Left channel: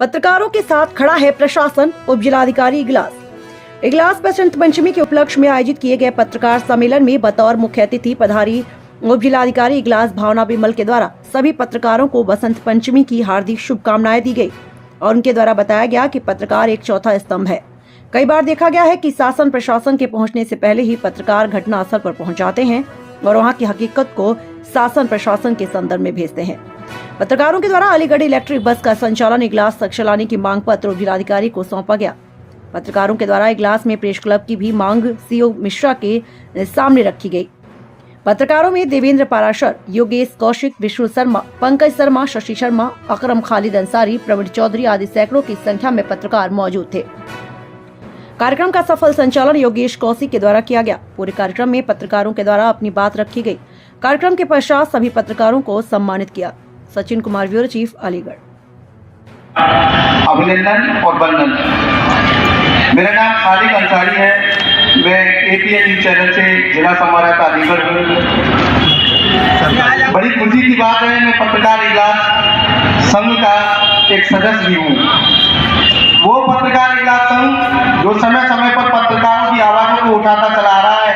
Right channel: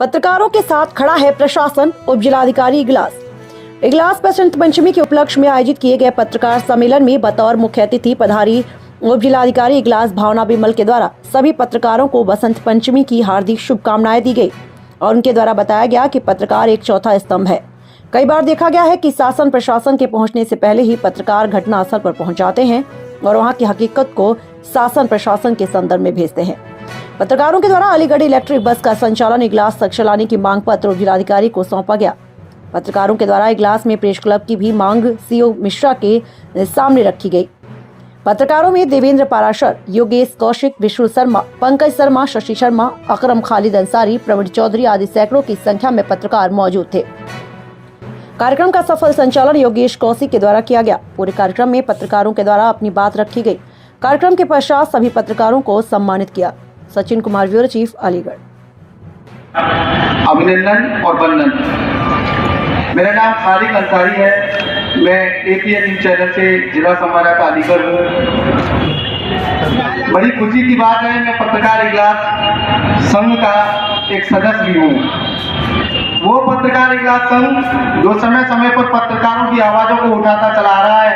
पत्रकारों के साथ खड़ा है प्रशासन। उप जिलाधिकारी इगलास बसंत पंचमी के उपलक्ष्य में आयोजित किए गए पत्रकार सम्मेलन में बतौर मुख्य अतिथि पधारी उप जिलाधिकारी इगलास भावना बिमल के द्वारा सभी पत्रकारों को बसंत पंचमी की हार्दिक शुभकामनाएं दी गई और उनके द्वारा बताया गया कि पत्रकार एक चौथा स्तंभ है। कई बार देखा गया है कि शासन प्रशासन के पहुंचने से पहले ही पत्रकार घटनास्थल पर पहुंच जाते हैं और वहां की हकीकत को शासन प्रशासन के संदर्भ में भेजते हैं। पत्रकारों के द्वारा अलीगढ़ इलेक्ट्रिक बस का संचालन इगलास तक चलाने की मांग पत्र उप जिलाधिकारी को सौंपा गया। पत्रकारों के द्वारा इगलास में प्रेस क्लब की भी मांग सीओ मिश्रा के सामने रखी गई। पत्रकारों में देवेंद्र पाराशर, योगेश कौशिक, विष्णु शर्मा, पंकज शर्मा, शशि शर्मा, अकरम खालिद अंसारी, प्रवीण चौधरी आदि सैकड़ों की संख्या में पत्रकार मौजूद थे। कार्यक्रम का सफल संचालन योगेश कौशिक के द्वारा किया गया। पूरे कार्यक्रम में पत्रकारों के द्वारा अपनी बात रखी गई। कार्यक्रम के पश्चात सभी पत्रकारों को सम्मानित किया। Sachin Kumar, bureau chief, Aligarh. अभिनंदन और वंदन। मेरा नाम खालिद अंसारी है। मैं एपीएन न्यूज चैनल से जिला संवाददाता अलीगढ़ हूँ। बड़ी खुशी की बात है, मैं पत्रकार इगलास संघ का एक सदस्य भी हूँ। वो पत्रकार इगलास संघ जो समय समय पर पत्रकारों की आवाजों को उठाता चला आ रहा है।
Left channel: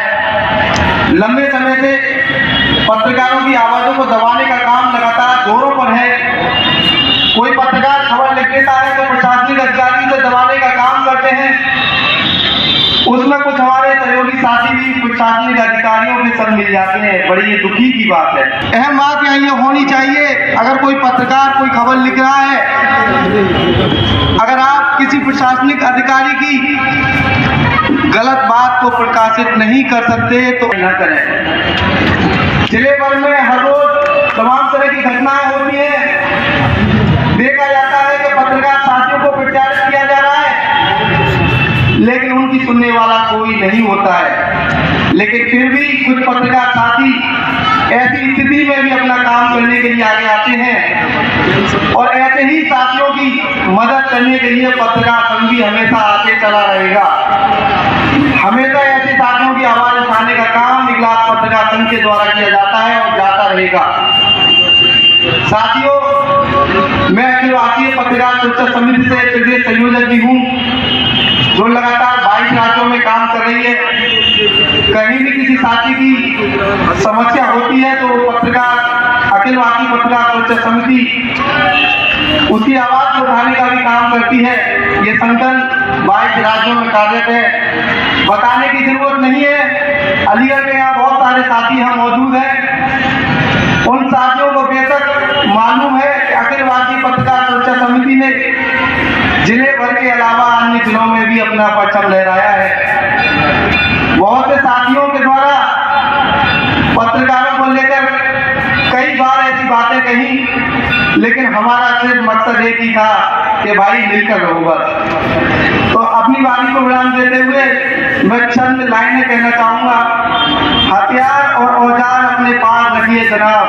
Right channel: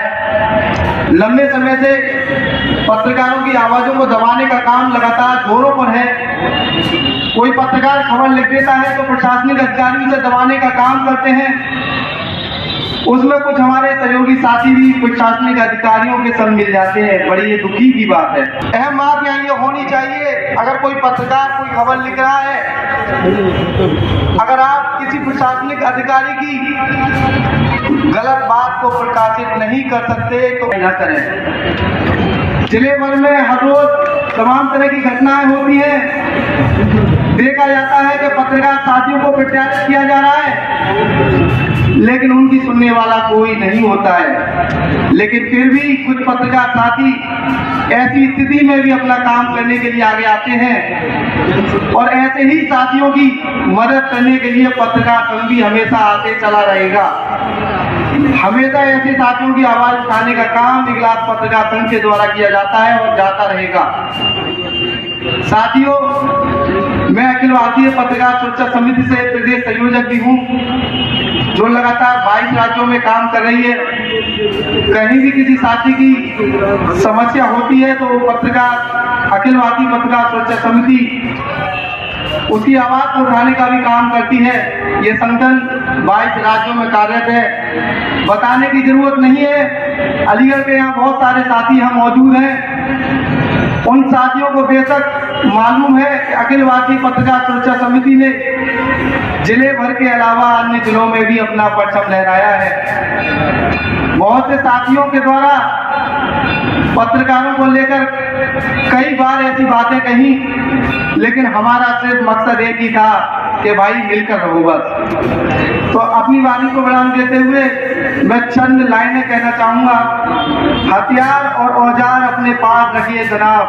लंबे समय से पत्रकारों की आवाजों को दबाने का काम लगातार जोरों पर है। कोई पत्रकार खबर लिख देता है तो प्रशासनिक अधिकारी उसे दबाने का काम करते हैं। उसमें कुछ हमारे सहयोगी साथी भी प्रशासनिक अधिकारियों के संग मिल जाते हैं। बड़ी ये दुखी की बात है। अहम बात यहाँ ये होनी चाहिए, अगर कोई पत्रकार कोई खबर लिख रहा है, अगर आप किसी प्रशासनिक अधिकारी की गलत बात को प्रकाशित नहीं कर सकते तो न करें। जिले भर में हर रोज तमाम तरह की घटनाएं होती हैं। देखा जाता है कि पत्रकार साथियों को प्रत्यारित किया जा रहा है, लेकिन उनकी सुनने वाला कोई नहीं होता है। लेकिन फिर भी कुछ पत्रकार साथी ऐसी स्थिति में भी अपना काम करने के लिए आगे आते हैं और ऐसे ही साथियों की मदद करने के लिए पत्रकार संघ भी हमेशा आगे चला रहेगा। हमेशा ऐसे साथियों की आवाज उठाने का काम इगलास पत्रकार संघ के द्वारा किया जाता है और जाता रहेगा। साथियों, मैं अखिल भारतीय पत्रकार सुरक्षा समिति से प्रदेश संयोजक भी हूँ, जो लगातार 22 राज्यों में काम कर रही है। कहीं भी किसी साथी की समस्या होती है तो पत्रकार अखिल भारतीय पत्रकार सुरक्षा समिति उसकी आवाज उठाने का भी काम करती है। ये संगठन 22 राज्यों में कार्यरत है। बताने की जरूरत नहीं है, अलीगढ़ में यहाँ बहुत सारे साथी यहाँ मौजूद हैं। उन साथियों को बेशक मालूम है कि अखिल भारतीय पत्रकार सुरक्षा समिति ने जिले भर के अलावा अन्य जिलों में भी अपना परचम लहराया है। बहुत से साथियों के द्वारा पत्रकारों को लेकर कई बार ऐसी बातें कही, लेकिन हमारा सिर्फ मकसद एक ही था कि भाई मिलकर रहूंगा। तो अपनी बारी को विराम देते हुए मैं चंद लाइनें कहना चाहूंगा। हथियार और औजार अपने पास रखिए जनाब।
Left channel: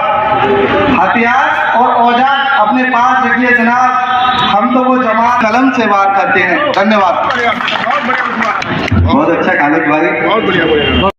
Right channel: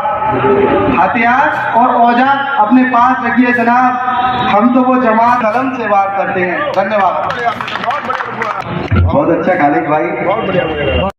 हथियार और औजार अपने पास रखिए जनाब। हम तो वो जमात कलम से वार करते हैं। धन्यवाद। बहुत अच्छा खालिद भाई।